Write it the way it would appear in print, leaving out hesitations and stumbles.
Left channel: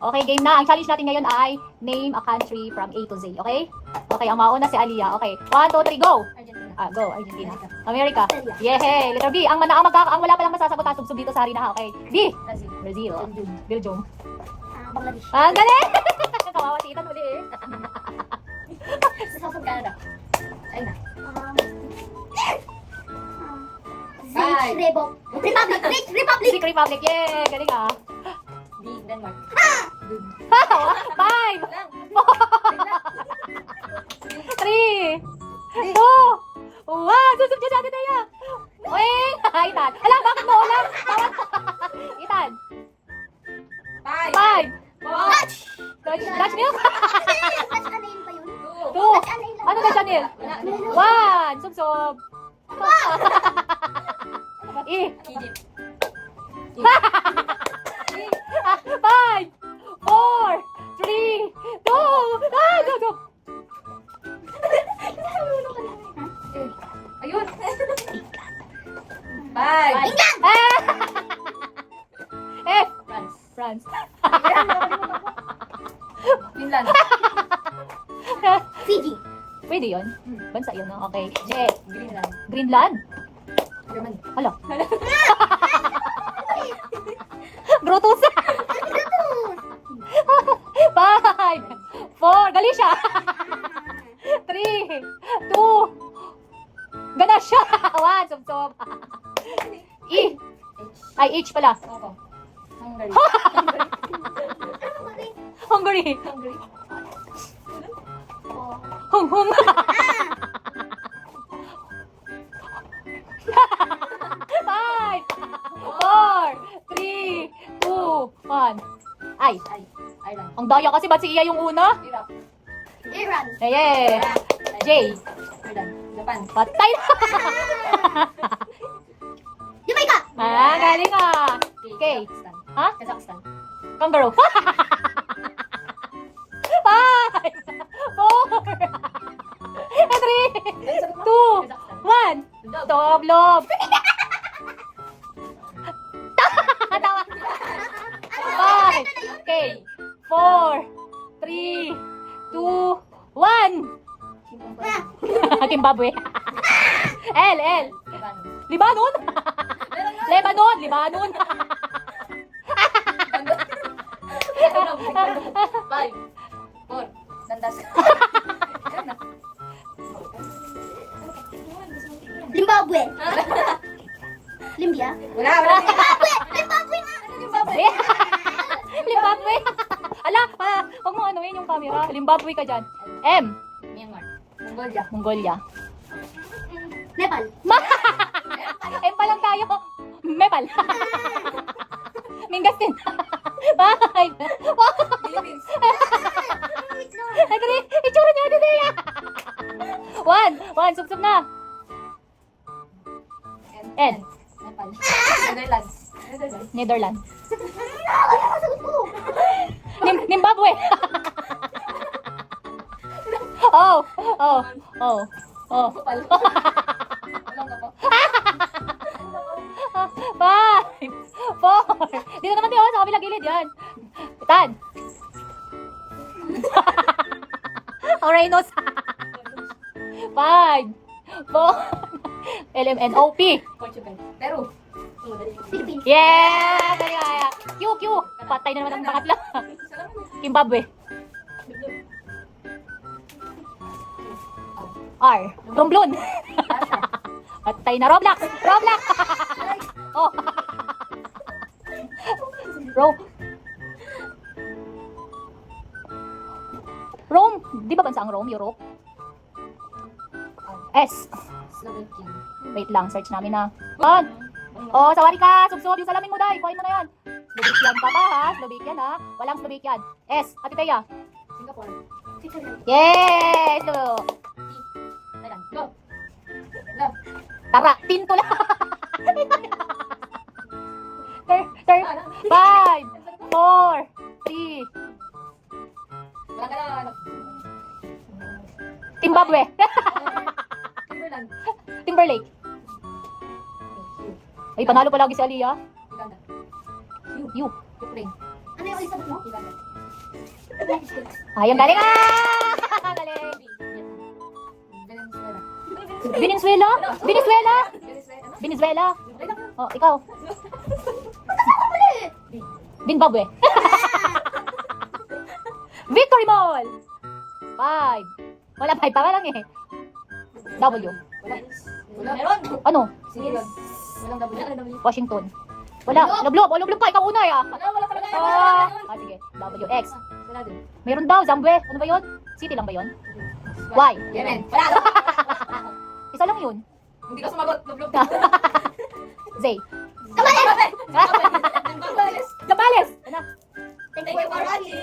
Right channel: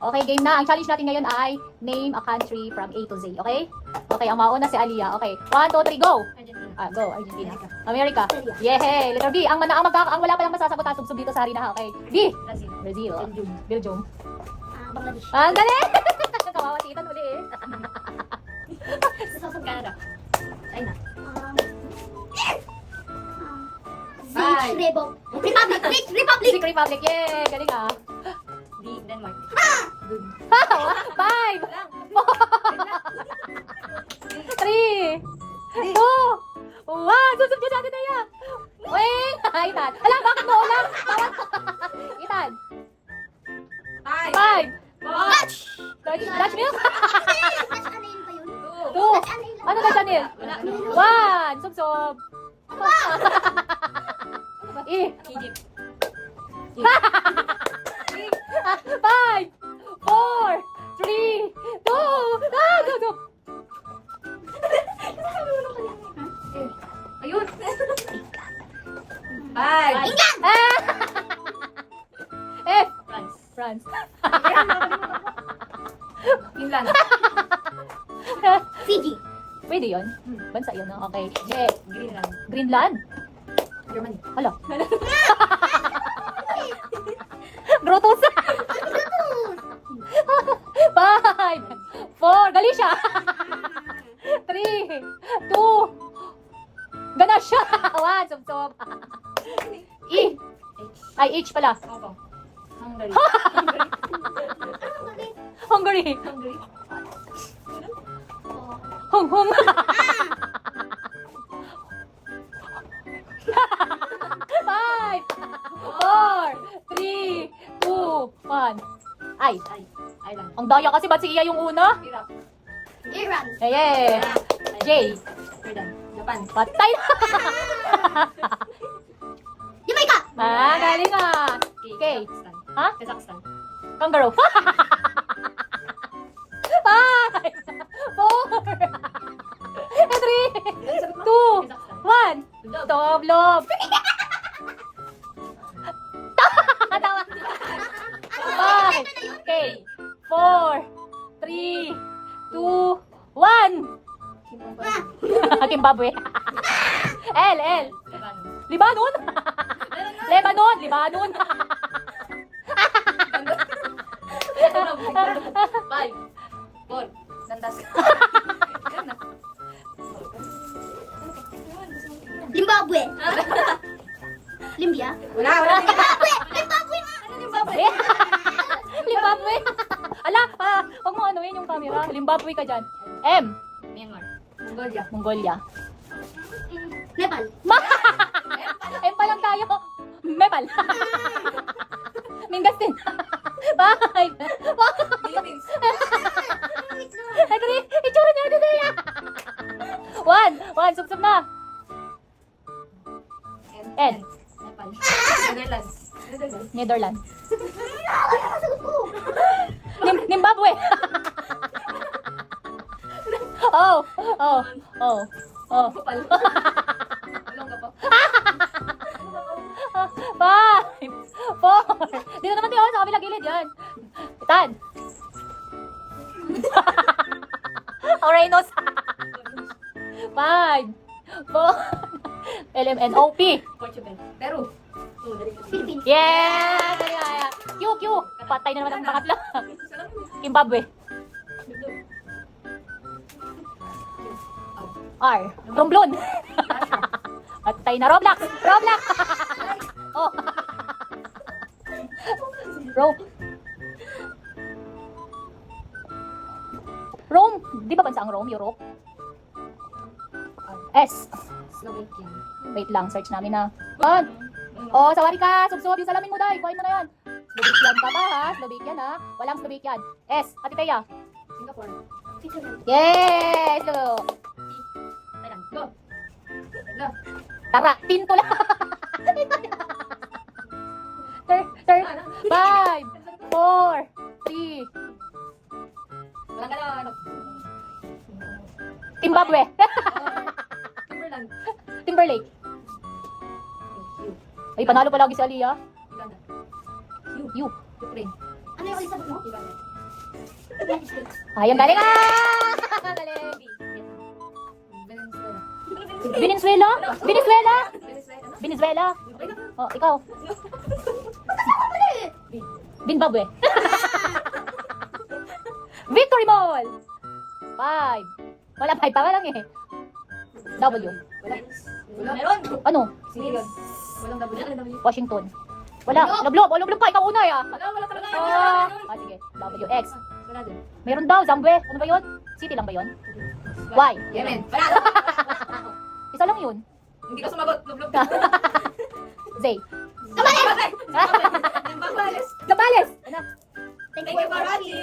Okay, game na. Ang challenge natin ngayon ay name a country from A to Z. Okay? Okay, ang mauna si Aliyah. Okay. 1, 2, 3, go! Argentina. Go. Argentina. America. Yehey! Letter B. Ang wala palang masasagot, subsub dito sa harina, ha? Okay. B. Brazil. Brazil. Belgium. Bangladesh. Ang galing! Kawawa si Ethan uli eh. South Canada. China. Czech Republic. Czech Republic. Yay! Galing ah. D. Denmark. 5, 3, 2, 1. Susub dyan natin na yan. Wait! Ethan. Alam, bakit mo ulan? Ethan. 5. Dutch milk? Dutch ano yun pa yun? 2. Dutch ano yun? Ano Dutch milk? 1. Subsob. Egypt. 5, 4, 3, 2, go! Ayun. 5. F. France. France. Finland. Fiji. Pwede yun. Bansa yun, no? Okay. J. Greenland. Greenland. Germany. Hala. Brutus. 5, 4, Galicia. 3, 2, Ganasya. 1, subsob. E. Ay, H pala. Ako. Hungary. Hungary. Hungary. Hung. 5, 4, 3, 2, 1. Ay. Ireland. Ang daya kasi, ba't si Iya yung una? Iraq. Iran. Yeah. J. Jordan. Japan. Patay na. Jamaica. Galing ah. K. Okay. Kazakhstan. Ha? Kazakhstan. Kangaroo. 5, 4, 3, 2, 1. Doblob. Tawa. 5, okay. 4, 3, 2, 1. Zimbabwe. L. Libanon. Libanon. 5. 4. Landas. Zimbabwe. Limbia. Wala. Zimbabwe. Zimbabwe. Ala, huwag mo anuin yung camera. Zimbabwe ka dyan. M. Myanmar. Mongolia. Mongolia. Nepal. M pa lang tayo. Nepal. Mingastin. 5. Philippines. Itsura niya dito yan. 1. Subsub na. N. Nepal. Netherlands. Netherlands. Zimbabwe. Oh. Nepal. Walang ka pa. 5, 4. Dito naman tayo sa kabilang gilid yan. Tan. Orenos. 5, 4. LMNOP. Portugal. Peru. Philippines. Yeah! Kaya. Q. Patay na naman ang pangatlo. Zimbabwe. R. Romblon. Russia. Patay na Roblox. Oh. Rome. Di ba bansa ang Rome? Europe? S. Slovakia. Wait lang, search namin na. On. Oh, sawari ka. Subsob yung salamin mo, Day. Kuhain mo na yan. Slovakian ka ba, ha? Slovakian, ha? Walang Slovakian. S. Ate Teya. Singapore. Yes! So, Thailand. Go. Love. tara, pinto lang. 5, 4, 3. Walang ka na. Zimbabwe. Timberland. Timberlake. Ay, panalo pa lagi si Aliyah. Uganda. U. Ukraine. Ano yung isa mo? Uganda. Ayun, galing ah! Galing. Venezuela. Venezuela? Venezuela? Venezuela. Venezuela? Ay, naku. Oh, ikaw. Zimbabwe. Victory Mall. 5. Wala 5 pa nga lang eh. W. Wala. Meron. Ano? Sige, God. Walang W. Ano W? Washington. Wala. Lublob. Oh, lublob ka. Ikaw una eh ah. Wala talaga. Sige. W. X. Wala din. Meron daw. Zambwe. Ano ba yun? City lang ba yun? Y. Yemen. Wala. Isa lang yun. Hindi ka sumagot. Lublog. Z. Kabales. Kabales. Ano? Thank you for watching.